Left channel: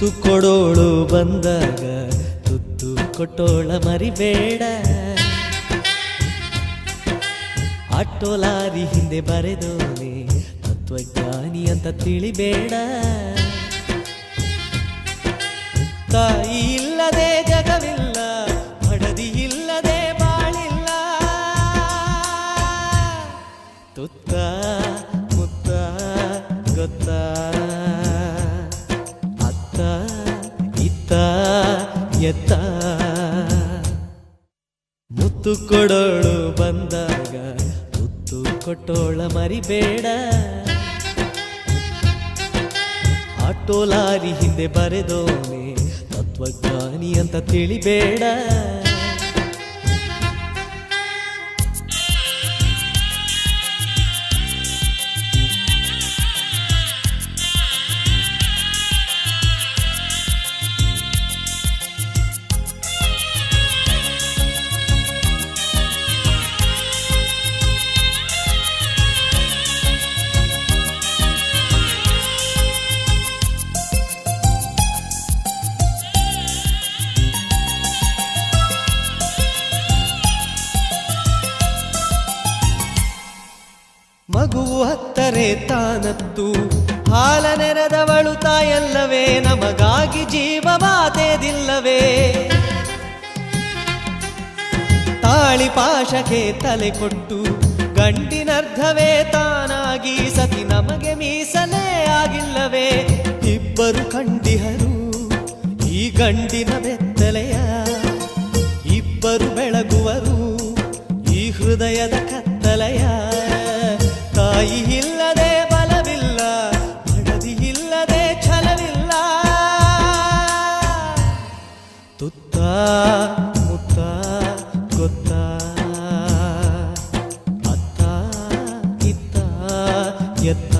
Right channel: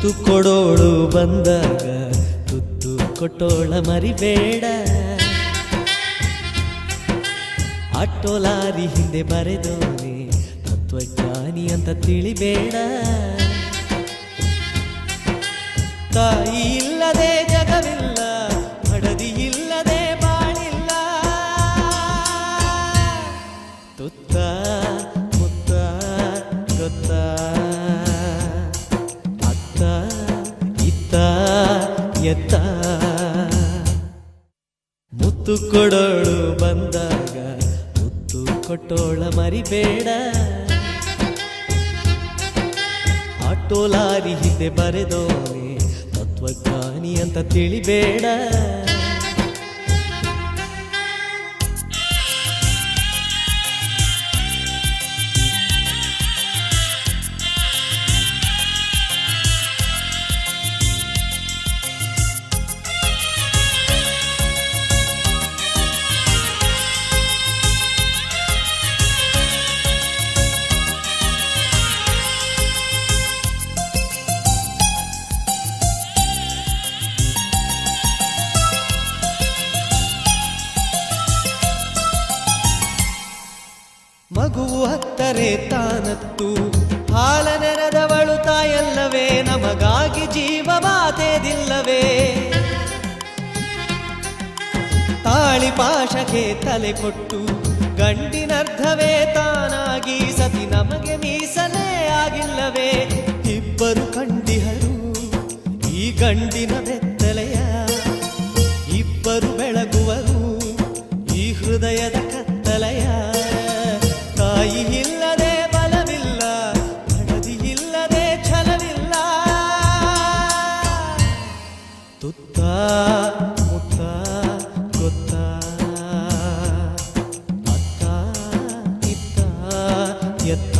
ತುತ್ತು ಕೊಡೋಳು ಬಂದಾಗ ತುತ್ತು ಕೊಟ್ಟೋಳ ಮರಿಬೇಡ. ಆಟೋ ಲಾರಿ ಹಿಂದೆ ಬರೆದೋನೆ ತತ್ವಜ್ಞಾನಿ ಅಂತ ತಿಳಿಬೇಡ. ತಾಯಿ ಇಲ್ಲದೆ ಜಗವಿಲ್ಲ, ಮಡದಿ ಇಲ್ಲದೆ ಬಾಳಿಲ್ಲ. ತುತ್ತ ಮುತ್ತ ಗೊತ್ತ ಅತ್ತ ಇತ್ತ ಎತ್ತ. ಮುತ್ತು ಕೊಡೋಳು ಬಂದಾಗ ತುತ್ತು ಕೊಟ್ಟೋಳ ಮರಿಬೇಡ. ಆಟೋ ಲಾರಿ ಹಿಂದೆ ಬರೆದೋನೆ ತತ್ವಜ್ಞಾನಿ ಅಂತ ತಿಳಿಬೇಡ. ಮಗು ಹತ್ತರೆ ತಾನತ್ತು ಹಾಲ ನೆರೆದವಳು ತಾಯಲ್ಲವೇ, ನಮಗಾಗಿ ಜೀವವಾದೇದಿಲ್ಲವೇ. ತಾಳಿ ಪಾಶಕ್ಕೆ ತಲೆ ಕೊಟ್ಟು ಗಂಡಿನರ್ಧವೇ ತಾನಾಗಿ ಸತಿ ನಮಗೆ ಮೀಸಲೇ ಆಗಿಲ್ಲವೇ. ಇಬ್ಬರು ಕಂಡಿಹರು ಈ ಗಂಡಿನ ಬೆತ್ತಲೆಯ, ಇಬ್ಬರು ಬೆಳಗುವರು ಈ ಹೃದಯದ ಕತ್ತಲೆಯ. ತಾಯಿ ಇಲ್ಲದೆ ಬಲವಿಲ್ಲ, ಮಡದಿ ಇಲ್ಲದೆ ಛಲವಿಲ್ಲ. ತುತ್ತ ಮುತ್ತ ಗೊತ್ತ ಅತ್ತ ಇತ್ತ ಎತ್ತ.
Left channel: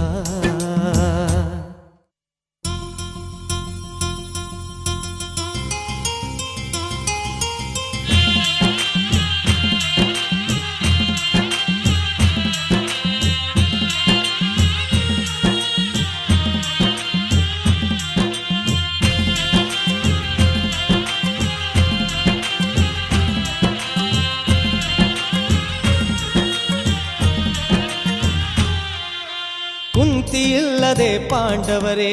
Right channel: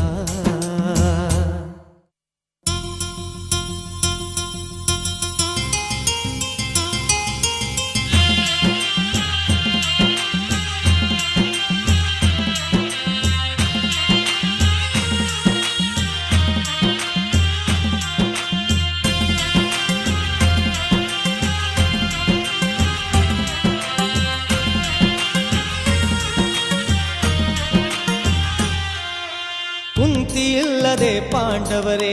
ಕುಂತಿ ಇಲ್ಲದೆ ಪಾಂಡವರೇ,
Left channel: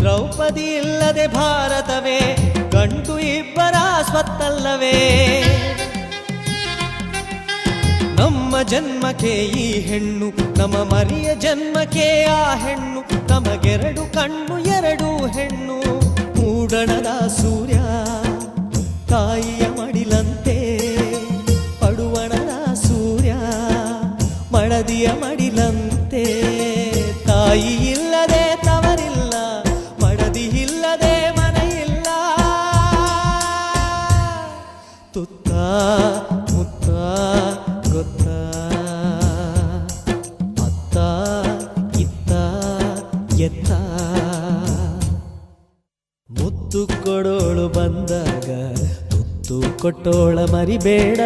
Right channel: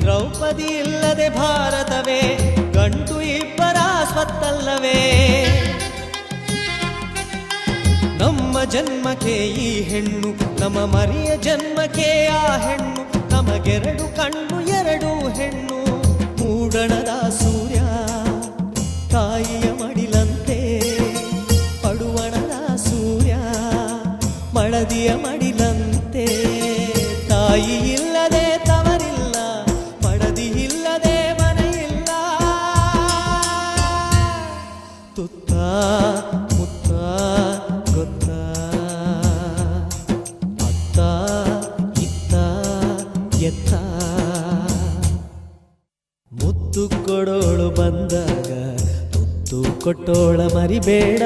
ದ್ರೌಪದಿ ಇಲ್ಲದೆ ಭಾರತವೇ. ಗಂಡು ಇಬ್ಬರ ಸ್ವತ್ತಲ್ಲವೇ. ನಮ್ಮ ಜನ್ಮಕ್ಕೆ ಈ ಹೆಣ್ಣು, ನಮ್ಮ ಮರಿಯ ಜನ್ಮಕ್ಕೆ ಆ ಹೆಣ್ಣು. ನಮಗೆರಡು ಕಣ್ಣು ಎರಡು ಹೆಣ್ಣು. ಮೂಡಣದ ಸೂರ್ಯ ತಾಯಿಯ ಮಡಿಲಂತೆ, ಪಡುವಣದ ಸೂರ್ಯ ಮಳದಿಯ ಮಡಿಲಂತೆ. ತಾಯಿ ಇಲ್ಲದೆ ತವರಿಲ್ಲ, ಮಡದಿ ಇಲ್ಲದೆ ಮನೆಯಿಲ್ಲ. ತುತ್ತ ಮುತ್ತ ಗೊತ್ತ ಅತ್ತ ಇತ್ತ ಎತ್ತ. ಮುತ್ತು ಕೊಡೋಳು ಬಂದಾಗ ತುತ್ತು ಕೊಟ್ಟೋಳ ಮರಿಬೇಡ.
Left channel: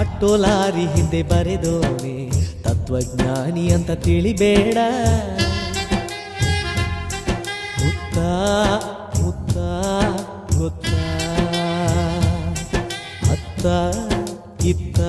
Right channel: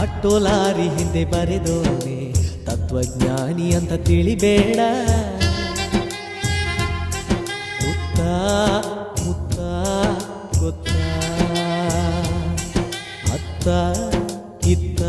ಆಟೋ ಲಾರಿ ಹಿಂದೆ ಬರೆದೋನೆ ತತ್ವಜ್ಞಾನಿ ಅಂತ ತಿಳಿಬೇಡ. ಮುತ್ತ ಮುತ್ತ ಗೊತ್ತ ಅತ್ತ ಇತ್ತ